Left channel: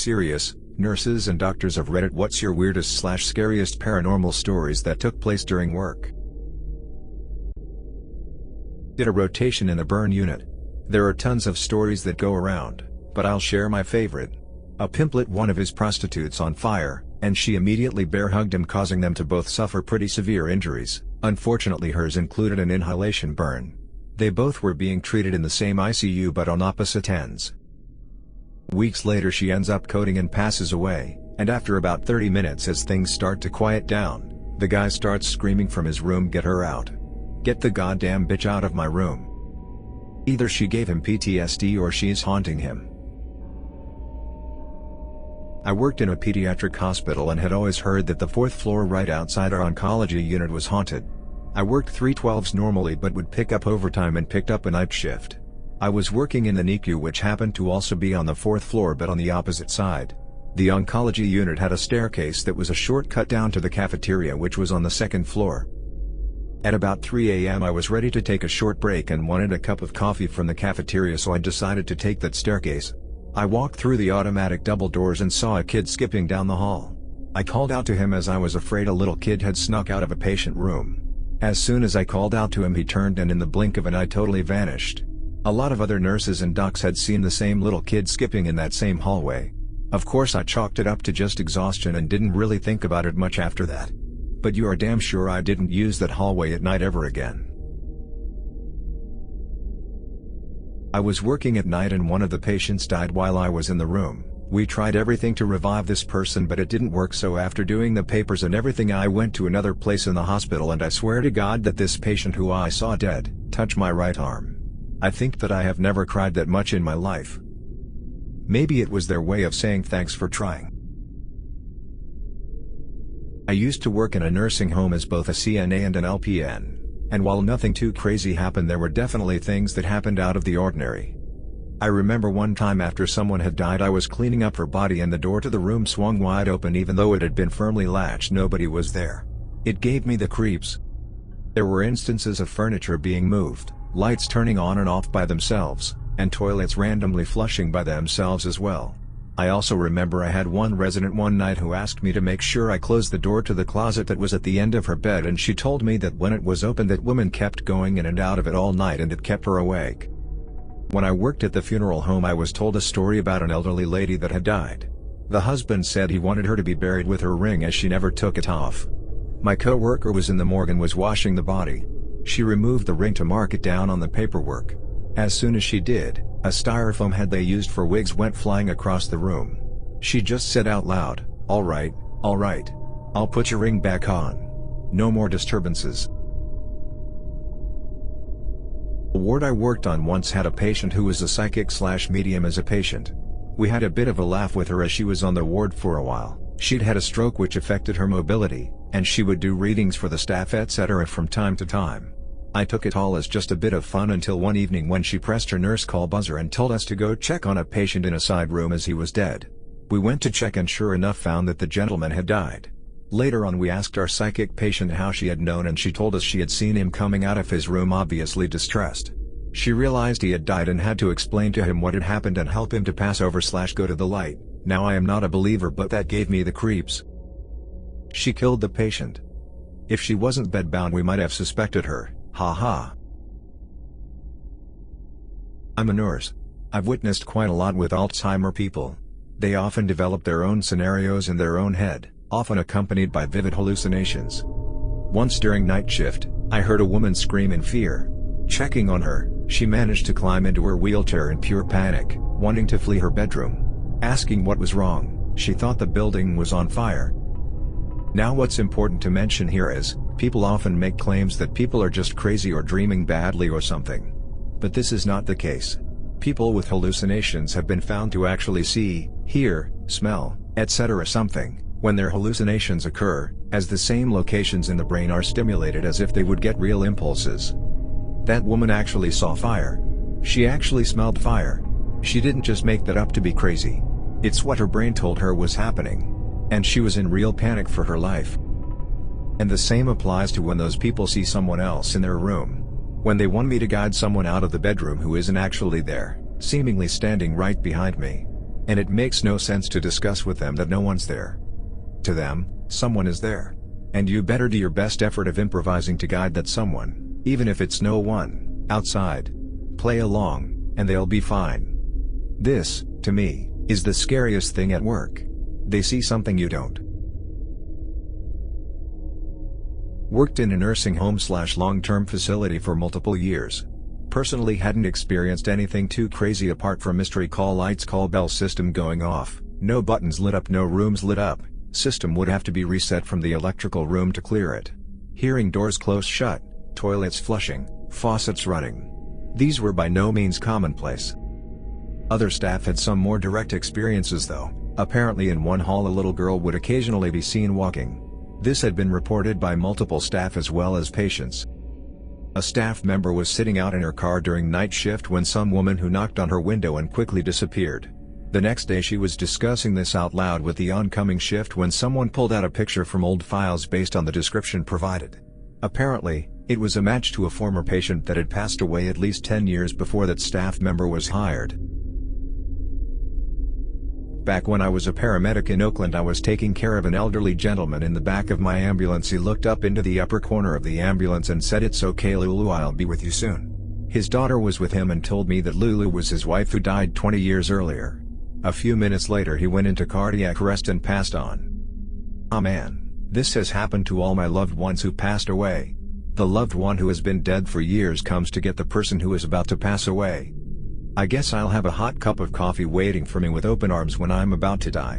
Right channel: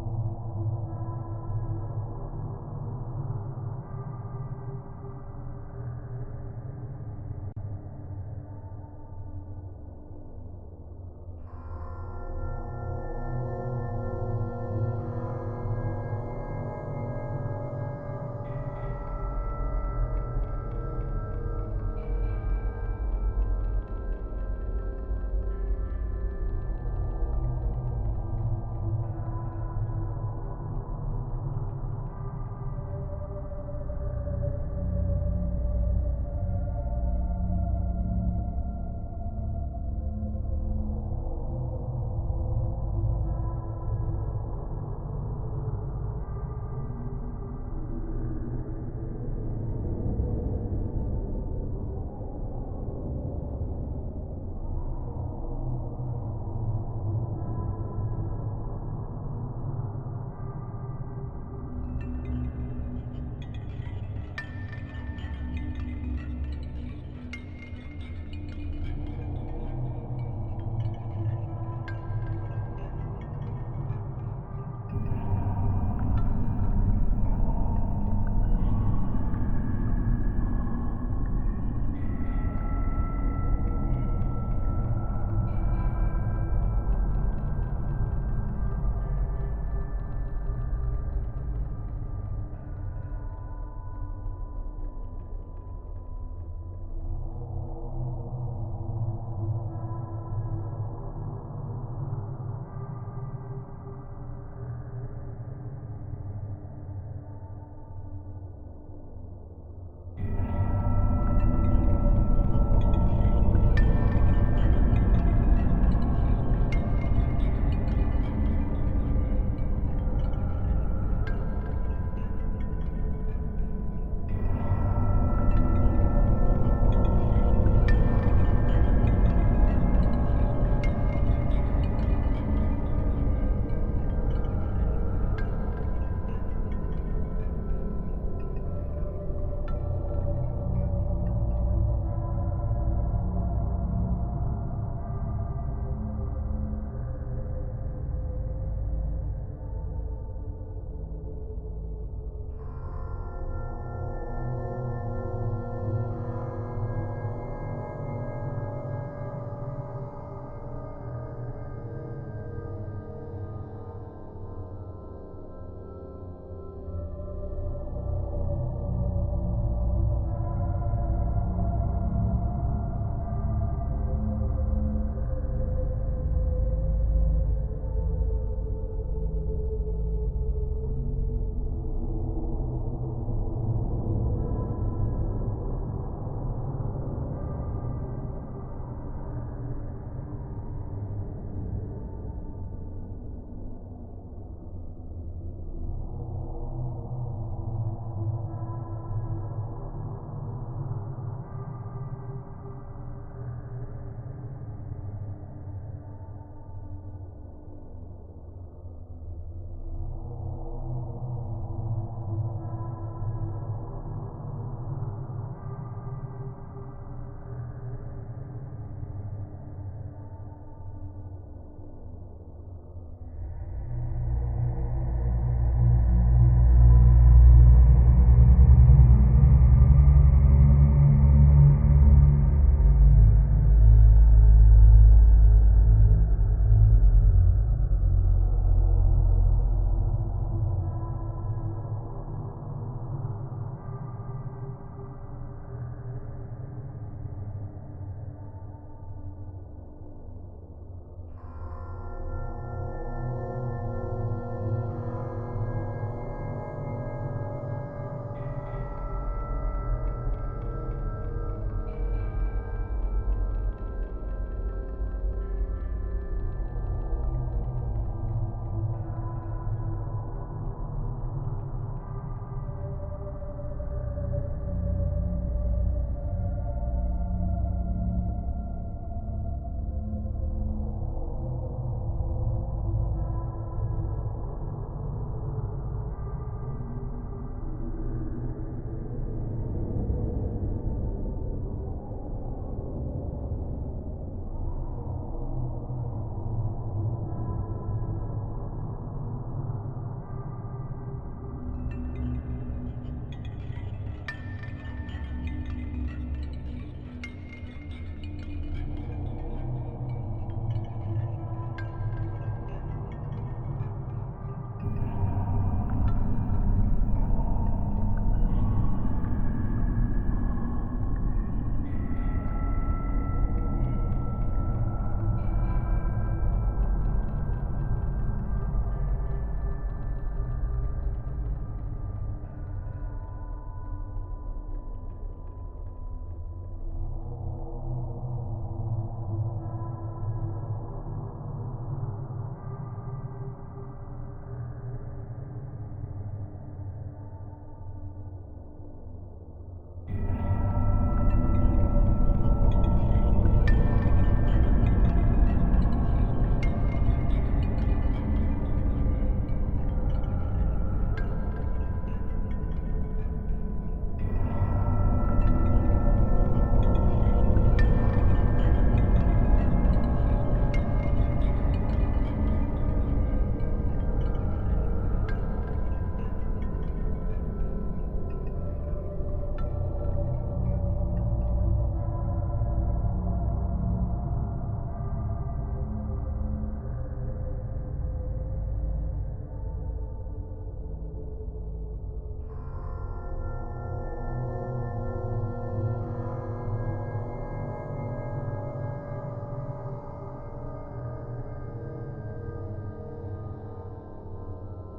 Serious, nurses and doctors of Reddit, what's your weirdest/scariest paranormal stories that took place during work? Did a rotation in the burn unit. There are tons of stories that go around, but I'll share my favorite. A pimp lit one of his prostitutes on fire, and she immediately bear hugged him, causing them to both suffer pretty severe injuries. Unfortunately, hers included an inhalation burn. They both were being treated in the same ICU but on opposite ends. Weeks later she ends up coding and passes away, and after about 30 minutes, as things start to quiet down, the guy starts screaming from his room, "Get her out. Get the goddamn bitch out of my room." Either she gave him PTSD or she's haunting him. I worked in a pediatric hospital and had always heard that the 4th floor right outside our oncology unit was haunted. I worked 3/12s normally but would pick up overtime and picked up a night shift. I was working in the NICU, which happened to also be on the 4th floor but on the opposite side. The oncology unit had a staircase that was a shortcut down to the cafeteria, which was on the 2nd floor. At about 3 a.m. I was ready to take a short break and wanted a cup of coffee from the cafeteria, so I decided to take that staircase. I walked through the automatic double doors and saw a kid skipping down the hall. I called out to him as I was afraid a little kid had snuck out of a patient room. As soon as I called out to him, he turned and in the blink of an eye totally vanished. A lot of other nurses and docs had seen the same little kid skipping in that same hallway. Of course I chalked it up to just exhaustion and didn't really think about it much after that. But you are damn sure I didn't use that hallway at night ever again. I was working at night and one of the patients died while I was in the room. We tried everything to revive this person but it didn't work, so after doing the papers and everything I went to another place in the hospital, and I swear to God that this patient who I saw dead touched my right arm. I think that I have never cried that much in my life. Maybe it was their way of saying thanks for trying. I used to work in a nursing home as both a CNA and an LPN, and while nothing too crazy happened, there were definitely things that happened out of the ordinary. I remember one time after someone had died, I was cleaning up her body and the door to the room swung wide open even though it had been firmly latched. Nobody was there. It gave me the creeps. There were instances of furniture being moved, lights turning on and off by themselves, and toilets randomly flushing by themselves as well. I also remember I had one resident one night who asked me to make sure I closed the door to the closet that was at the end of her bed, and she told me that when it was open, that woman kept going in and out of it all night and it kept her awake. When I worked at the funeral home, I was told a story about an elderly lady that had died. The husband said he wanted her to be buried with her ring as she never took it off. My co-worker was in the morgue and was washing the body. She removed the ring to mark it down on the paperwork. As soon as she did, a styrofoam head they used for wigs went flying across the room. She just said out loud, all right, I'll put your ring back on. No more disturbances." The ward I worked on once had a patient who was a psychic/medium as a patient. We had a bit of a laugh with her as she was on the ward for a while. She'd had a stroke which affected her mobility, and she would do readings for the staff etc. from time to time. I took it all as just a bit of fun until one evening when she pressed her nurse call buzzer and told us to go check on a patient in a side room as he was dead. We went to check and sure enough found that the gentleman had died. Later on we asked our psychic patient how she had known, and she told us she had seen him coming out of his room obviously distressed. She realized he had died and had to explain to him what had happened and help him to pass over/go to the light. Now I am not a believer, but that gave me the creeps. She killed the patient. If she wasn't bedbound we might have suspected her, haha. I'm a nurse. I've witnessed quite a lot with Alzheimer people. They often develop their own scenarios in their own head, often accompanied by vivid hallucinations. Once during night shift, I heard a woman scream in fear. Checking on her, she managed to climb into her wheelchair in pure panic, wanting to flee her bedroom. Asking what was wrong, she thought the building was on fire. Now what's important to mention here is, people often make claims that people are just crazy or dreaming badly or something. But this is not the case. People with hallucinations have been found to actually see, hear, smell, etc. something, when their hallucinations occur, as the same locations in the brain are stimulated as if they would get real impulses. That woman actually saw fire. She actually smelled fire. She didn't just make that up to be crazy. It's what her brain told her was happening. And she was in real panic for her life. And the same applies to when those people see someone else in their room. When they want me to guide someone out of the bedroom who isn't actually there, seemingly standing right behind me. And it makes no sense to discuss with them that no one's there. To them, someone is there. And you better do your best effort of improvising to guide that someone, even if it's no one, outside. Play along, and they'll be fine. This, to me, is the scariest thing at work. They see something you don't. Worked in a nursing home / long-term facility for multiple years. Personally hadn't experienced anything too crazy apart from mystery call lights, call bell system going off, no buttons lit up, no rooms lit up. System would have to be reset from the electrical room to clear it. Hearing doors close shut, toilets flushing, faucets running. These were by no means commonplace. Other staff had some more direct experiences though. Apparently in one hall a little girl would occasionally be seen walking. This had been reported by multiple staff as well as patients. A staff member was sitting out in her car during night shift when some woman who knocked on her window and quickly disappeared. The next day she was discussing this out loud with the oncoming shift when someone pulled out a picture from old files based on the description provided. Apparently, it was a match to a former patient that had passed away at least 10 years before that staff member was hired. Back when I was a paramedic in Oakland, I was taking care of an elderly gentleman in the back of my ambulance. He looked up into the upper corner of the ambulance and said, "It's okay Lulu, I'll be with you soon." His daughter was with him and told me that Lulu was his wife who died 20 years earlier. A few minutes later he went into cardiac arrest and passed on. Ah man, this has happened to all my loved ones who passed away. The loved one who has been dead for years comes to get the person who is about to pass away. I guess I'll have a hot cup of coffee waiting for me with open arms when I'm about to die.